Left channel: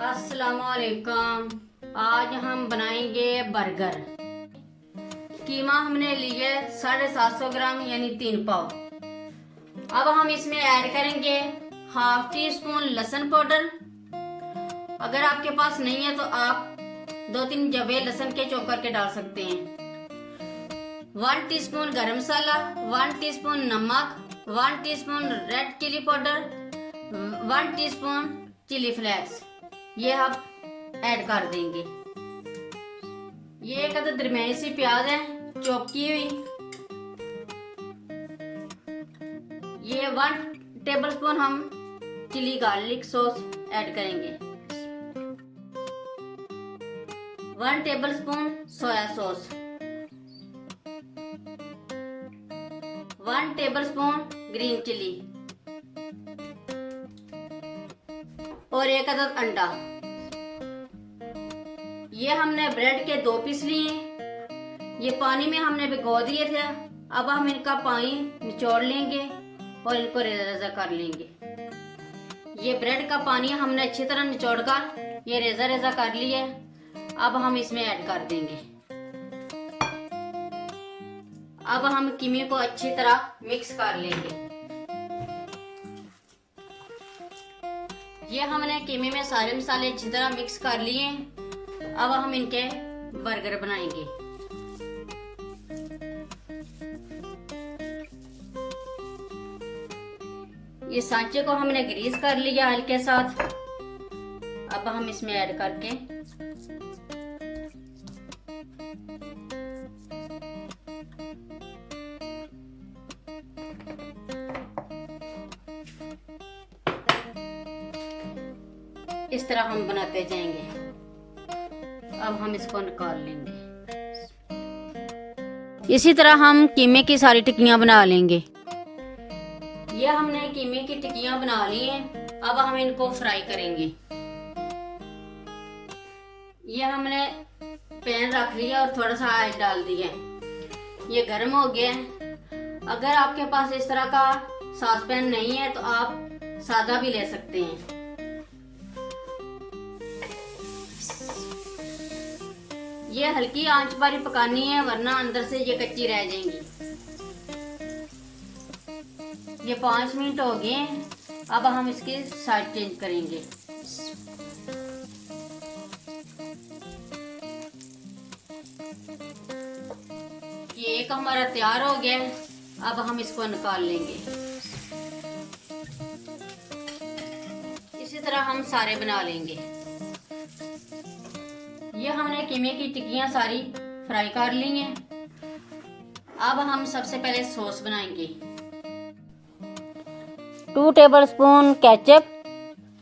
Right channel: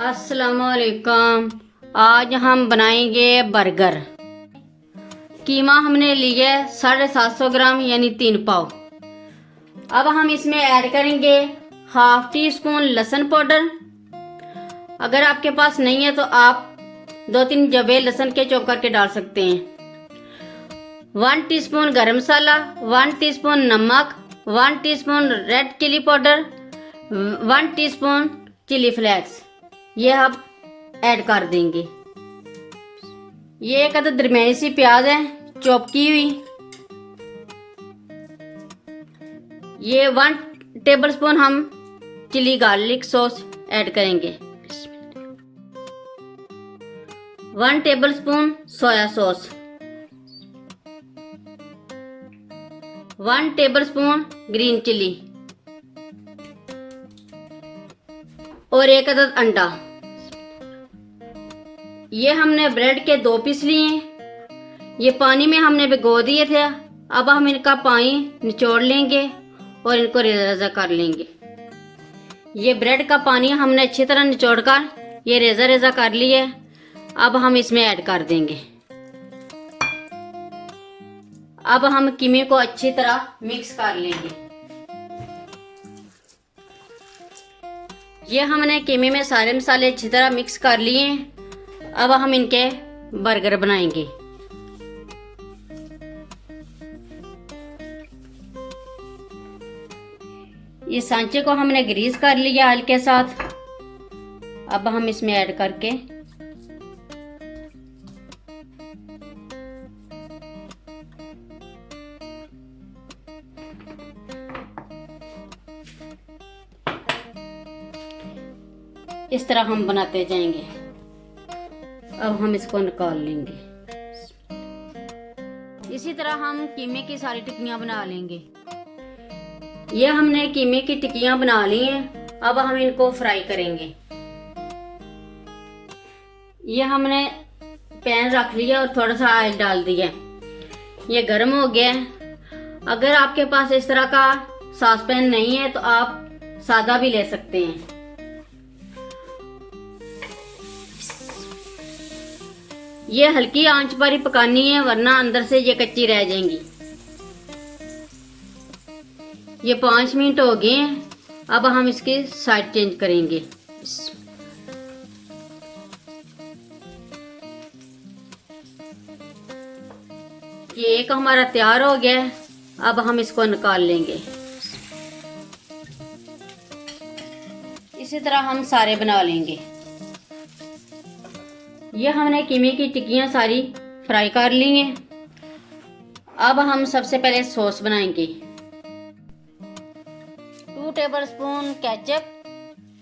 अस्सलामुअलैकुम। आज हम बनाएंगे बर्गर। कीमा हमने लिया 750 ग्राम यानी 3 पाव। अब हम इसमें ऐड करेंगे हाफ टी स्पून लहसुन पाउडर। अगर आपके पास नहीं है तो आप 2-3 जवे लहसुन के चॉप करके डाल सकते हैं। 1 टीस्पून गरम मसाला, 1 टीस्पून नमक, 1 teaspoon red chilli powder, 1 teaspoon chilli flakes, ये आप ऐड कर देंगे। ये एक अदद दरमियानी सी प्याज है चॉप की हुई। ये 1 टेबलस्पून हम चिली गार्लिक सॉस ऐड करेंगे। 1 tablespoon soya sauce, 1 tablespoon green chilli और एक अदद अंडा। ये हमने ब्रेड के 2 पीस लिए। ये पानी में हमने भिगो दिए थे। अब हम इनका पानी निचोड़ लेंगे और इनको रेजा रेजा कर लेंगे। ये ब्रेड का पानी हमने अच्छी तरह निचोड़ कर ये रेजा रेजा कर लिया। अब हम इसमें ऐड कर देंगे। अब हम कीमे को अच्छी तरह मिक्स कर लेंगे। ये हमने कीमे में सारे मसाले अच्छी तरह मिक्स कर लिए। अब हम इनके बर्गर बनाएंगे। ये सांचे को हमने ग्रीस कर लिया ऑयल के साथ। अब हम इसमें ऐड करके इस तरह हम बनाते जाएंगे। अब हम इसको निकाल लेंगे। इसी तरह हम कीमे की सारी टिक्कियां बना लेंगे। ये हमने कीमे की टिक्कियां बना ली हैं। अब हम इनको फ्राई करेंगे। ये हमने पैन रख लिया और थोड़ा सा ऑयल डाल दिया। ये गर्म हो गया है। अगर आपके पास इस तरह का सॉस पैन नहीं है तो आप सादा भी ले सकते हैं। ये हल्की आंच पर ही पकानी है वरना अंदर से ये कच्ची रह जाएंगी। ये 5 मिनट हो गए हैं। अब हम इसकी साइड चेंज करेंगे। ये एक हमारा तैयार हो गया है। अब हम इसको निकाल लेंगे। इसी तरह हम सारे बना लेंगे। ये हमने कीमे की टिक्कियां सारी फ्राई कर ली हैं। अब हम सबसे पहले सॉस बनाएंगे। 2 tablespoon ketchup,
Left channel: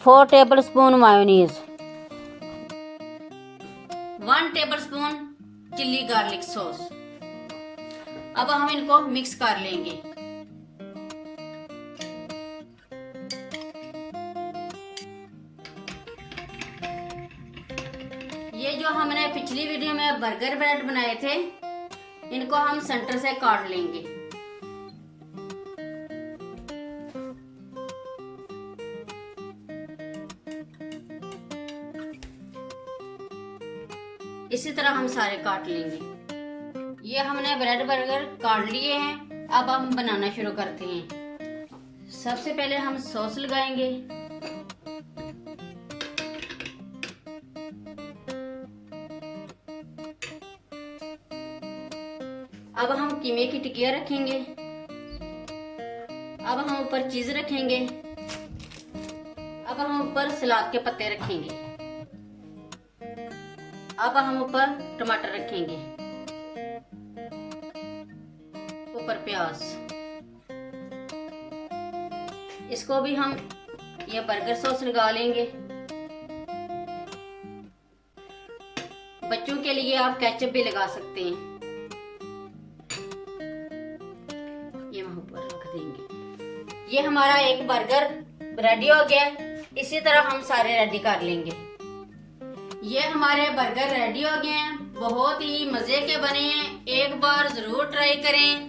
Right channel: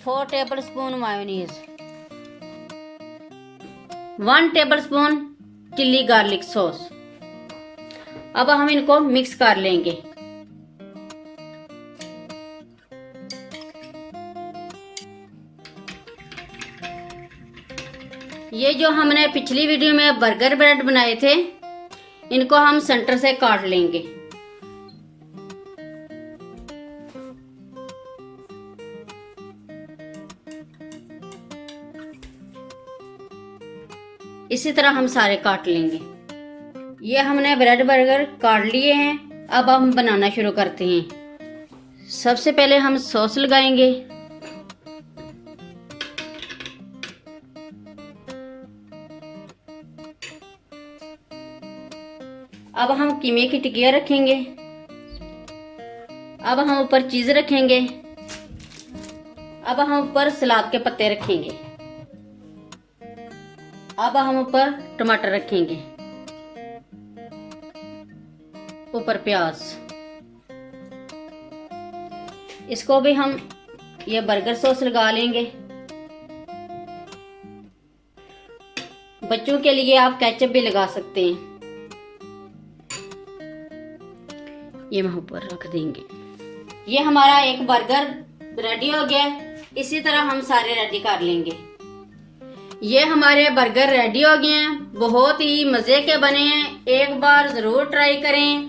4 tablespoon mayonnaise, 1 tablespoon chilli garlic sauce. अब हम इनको मिक्स कर लेंगे। ये जो हमने पिछली वीडियो में बर्गर ब्रेड बनाए थे इनको हम सेंटर से काट लेंगे। इसी तरह हम सारे काट लेंगे। ये हमने ब्रेड बर्गर काट लिए हैं। अब हम बनाना शुरू करते हैं। सबसे पहले हम सॉस लगाएंगे। अब हम कीमे की टिक्कियां रखेंगे। अब हम ऊपर चीज रखेंगे। अब हम ऊपर सलाद के पत्ते रखेंगे। अब हम ऊपर टमाटर रखेंगे। ऊपर प्याज। इसको भी हम ये बर्गर सॉस लगा लेंगे। बच्चों के लिए आप केचप भी लगा सकते हैं। ये हम ऊपर रख देंगे। ये हमारा एक बर्गर रेडी हो गया। इसी तरह हम सारे रेडी कर लेंगे। ये हमारे बर्गर रेडी हो गए हैं। बहुत ही मजे के बने हैं। एक बार जरूर ट्राई करें।